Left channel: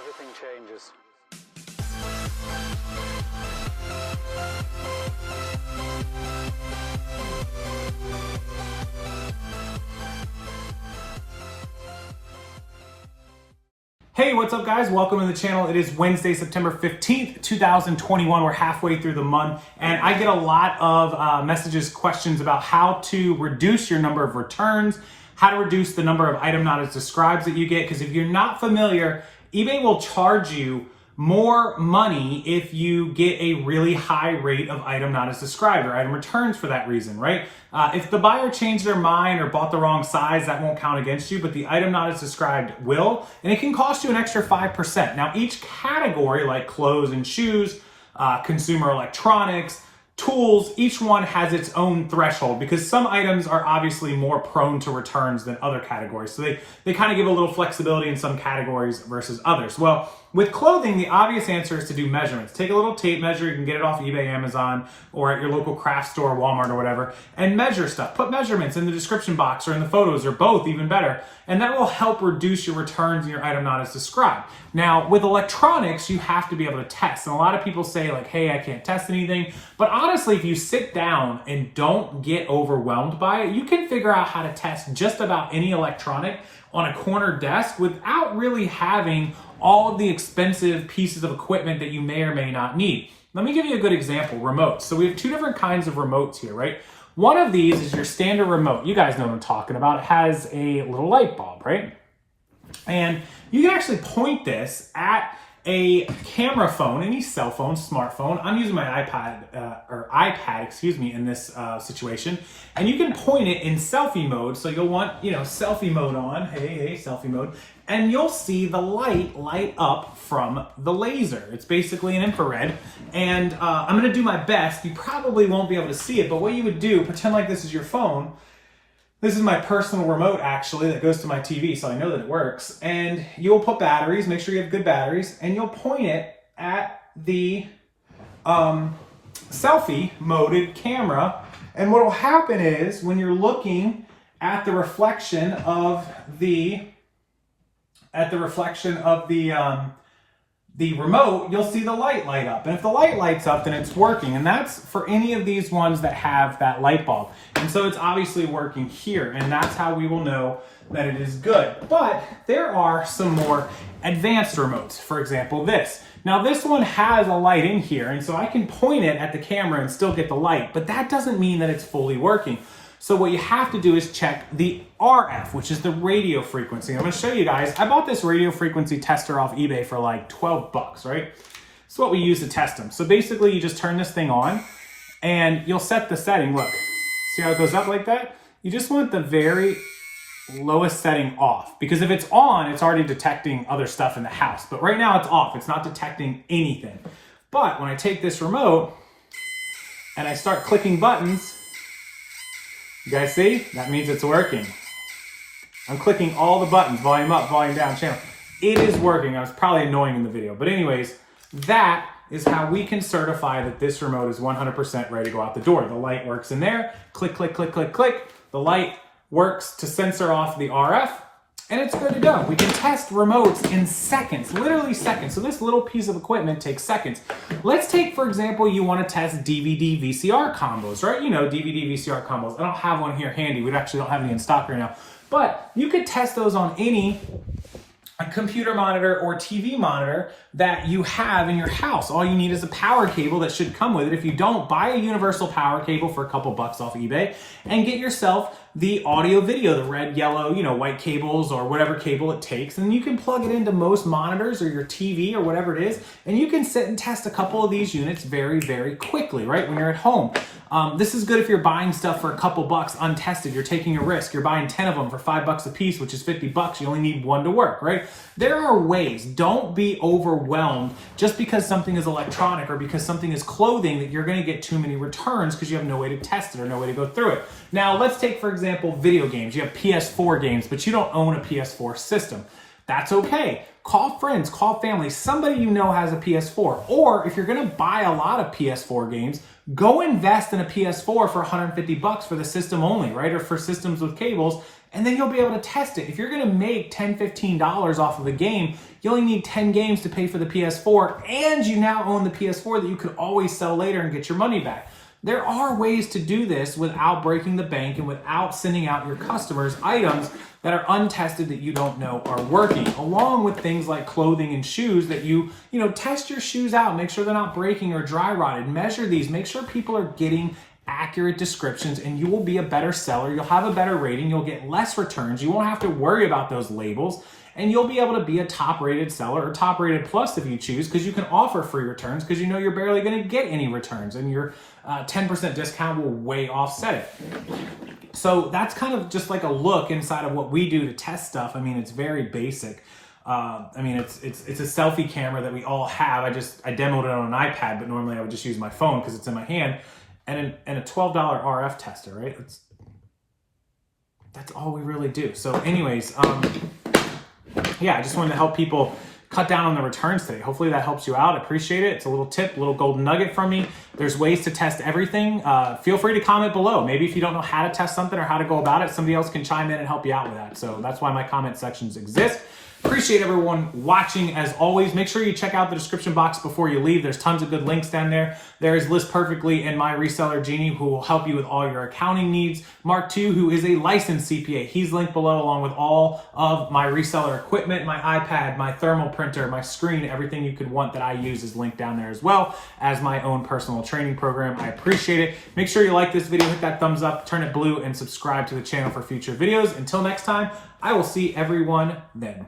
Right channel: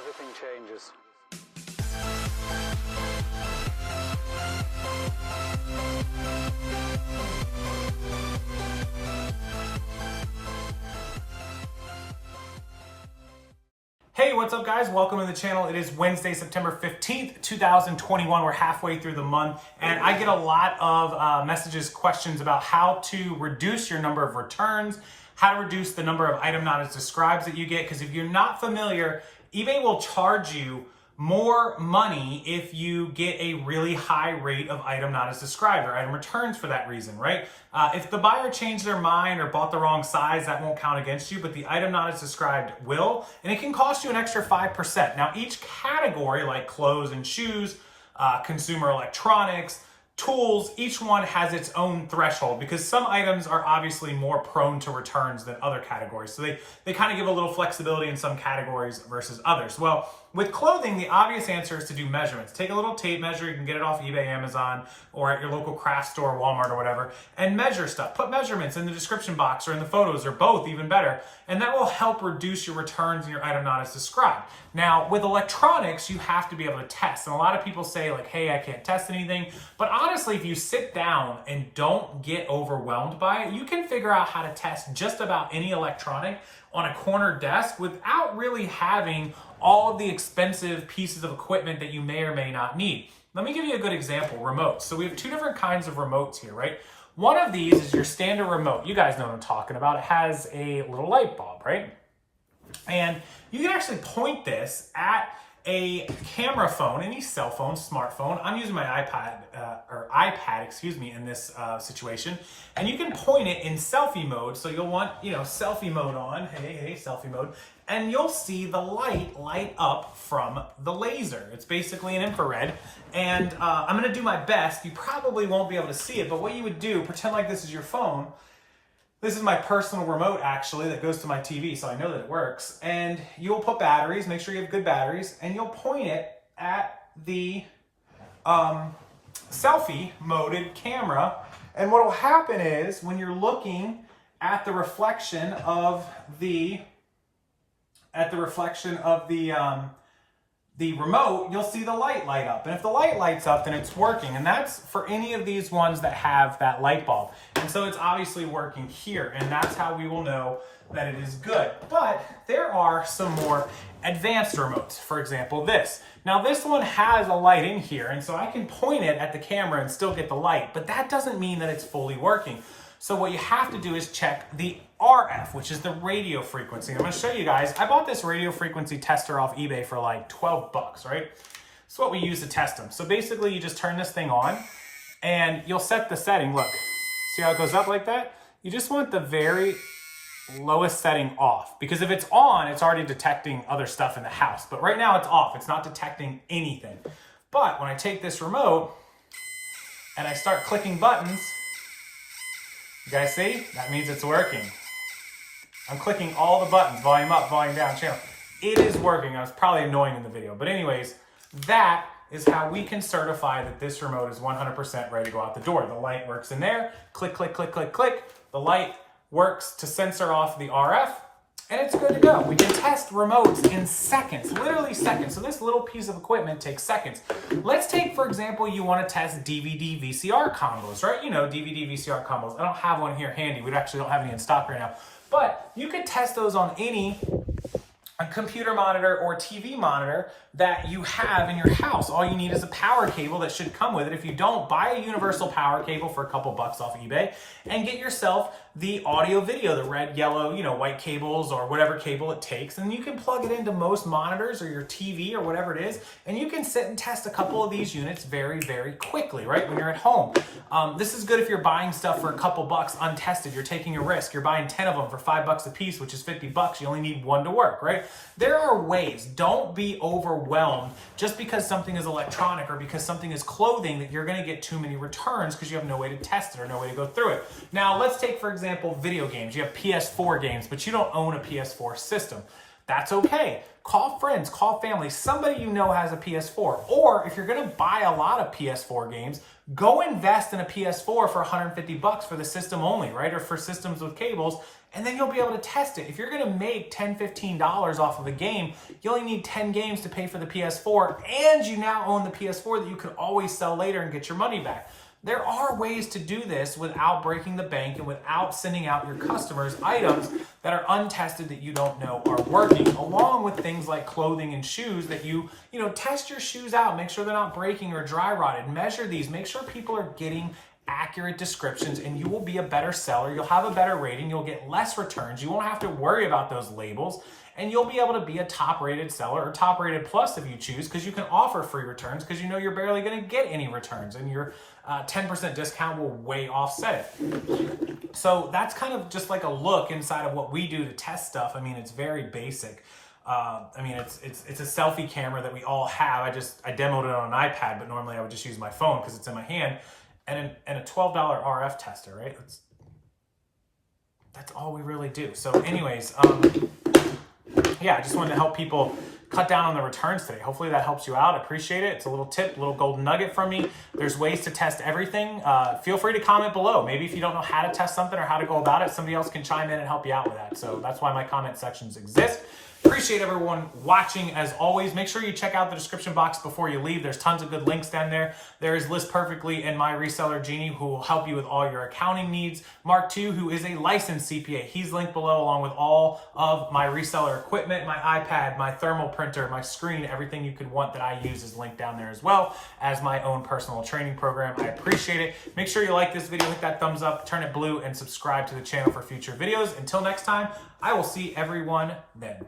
everything changes. Hey, what's up guys? Welcome to the channel. It is Wednesday, September 15th, 2021. We're halfway through the month and I get a lot of messages, questions about how to reduce your number of returns, how to reduce the number of item not as described that you get. Because if you're not familiar, eBay will charge you more money if you get a really high rate of item not as described or item returns for that reason, right? If the buyer changed their mind or bought the wrong size, that won't count against you, but the item not as described will, and it can cost you an extra 5%. Now, each category like clothes and shoes, consumer electronics, tools, each one has its own threshold because some items are obviously more prone to returns than other categories. So they kind of give a little flexibility in some categories versus others. Well, with clothing, the obvious answer is to do measurements. Take a little tape measure. You can get it off eBay, Amazon, or at your local craft store, Walmart or whatever, and measure stuff. Put measurements in the description box or in the photos or both, even better. And that will help reduce your returns and your item not as described. Now, with electronics, you have to be able to test. And a lot of people say like, hey, I can't test anything. But honestly, if you sit down and don't get overwhelmed by it, you can figure out how to test just about any electronic on a corner desk without really having all of the expensive pieces of equipment that you may or may not need. Let me give you a good example, remotes. So we have two different kinds of remotes here, right? One of these is your standard remote. You guys know what I'm talking about. It has a little light bulb, right? And you can actually point this at a camera phone, any cell phone, smartphone. I'm using my iPad, excuse me, in this situation. And you can point it in selfie mode. So you'll want, selfie mode on. Hey, selfie mode. And you'll see the light up from the laser. It's basically an infrared. And I'm gonna do my best. You probably won't be able to see it, but what you would do, pretend like this is your phone. This is my personal remote actually that goes to my TV, so I know that it works. And you'll put batteries, make sure you have good batteries, and you'll point it at the selfie moded camera. And what will happen is when you're looking at the reflection of the remote, you'll see the light up. And if the light lights up, then it's working. And that's for any of these ones that have that light bulb. And so it's obviously working here. And that's how we will know that it is good. But there are some more advanced remotes. For example, this. Now this one has a light in here. And so I can point it at the camera and still get the light. But that doesn't mean that it's fully working. So what you have to do is check the RF, which is the radio frequency. I'm gonna show you guys. I bought this radio frequency tester off eBay for like 12 bucks, right? It's what we use to test them. So basically you just turn this thing on and you'll set the setting. Look, see how it goes up like that? You just want the very lowest setting off because if it's on, it's already detecting other stuff in the house. But right now it's off, it's not detecting anything. But when I take this remote and I start clicking buttons, you guys see? That means it's working. I'm clicking all the buttons, volume up, volume down, channel. It is working. I was probably annoying in the video. But anyways, that is how we can certify that this remote is 100% ready to go out the door. The light works in there. Click, click, click, click, click. The light works to censor off the RF. And it's good to go. We can test remotes in seconds, literally seconds. So this little piece of equipment takes seconds. Let's take, for example, you want to test DVD Vcr Combos, right? You know, DVD Vcr Combos. I don't have one here handy. We actually don't have any in stock right now. But you could test those on any computer monitor or TV monitor that you have in your house. All you need is a power cable that should come with it. If you don't, buy a universal power cable for a couple bucks off eBay and get yourself the audio video, the red, yellow, white cables or whatever cable it takes. And you can plug it into most monitors or your TV or whatever it is. And you can sit and test a couple of these units very, very quickly, right? When you're at home. This is good if you're buying stuff for a couple bucks untested. You're taking a risk. You're buying 10 of them for $5 a piece, which is 50 bucks. You only need one to work, right? There are ways. Don't be overwhelmed just because something is electronic or because something is clothing that you're going to get too many returns because you have no way to test it or no way to go through it. Now, let's take, for example, video games. You have PS4 games, but you don't own a PS4 system. That's okay. Call friends, call family, somebody you know has a PS4. Or if you're going to buy a lot of PS4 games, go invest in a PS4 for 150 bucks for the system only, right? Or for systems with cables And then you'll be able to test it. If you're gonna make $10, $15 off of a game, you only need 10 games to pay for the PS4, and you now own the PS4 that you could always sell later and get your money back. There are ways to do this without breaking the bank and without sending out your customers items that are untested that you don't know are working, along with things like clothing and shoes that you test your shoes out, make sure they're not breaking or dry rotted, measure these, make sure people are getting accurate descriptions, and you will be a better seller. You'll have a better rating. You'll get less returns. You won't have to worry about those labels, and you'll be able to be a top rated seller or top rated plus if you choose, because you can offer free returns because you know you're barely going to get any returns, and your 10% discount will way offset it. So that's kind of just like a look inside of what we do to test stuff. I mean, it's very basic. I mean, it's a selfie camera that we all have. I demoed it on an iPad, but normally I would just use my phone because it's in my hand. And a $12 RF tester, right? That's all we really do. So anyways, yeah, I just wanted to help people cut down on the returns today. Hopefully that helps you out. I appreciate it. It's a little tip, a little golden nugget from me. There's ways to test everything. Feel free to comment below. Maybe if you don't know how to test something or how to go about it, somebody else can chime in and help you out with that. So that's why my comment sections exist. Appreciate everyone watching. As always, make sure you check out the description box before you leave. There's tons of good links down there. There is List Perfectly and my Reseller Genie, who will help you with all your accounting needs. Mark II, who is a licensed CPA. He's linked below, along with all of my reseller equipment, my iPad, my thermal printer, my screen, everything you could want that I use is linked down there, as well as my own personal training program. I appreciate it. Make sure you like this video, hit that thumbs up, turn it blue, and subscribe to the channel for future videos. Until next time, I will see everyone then.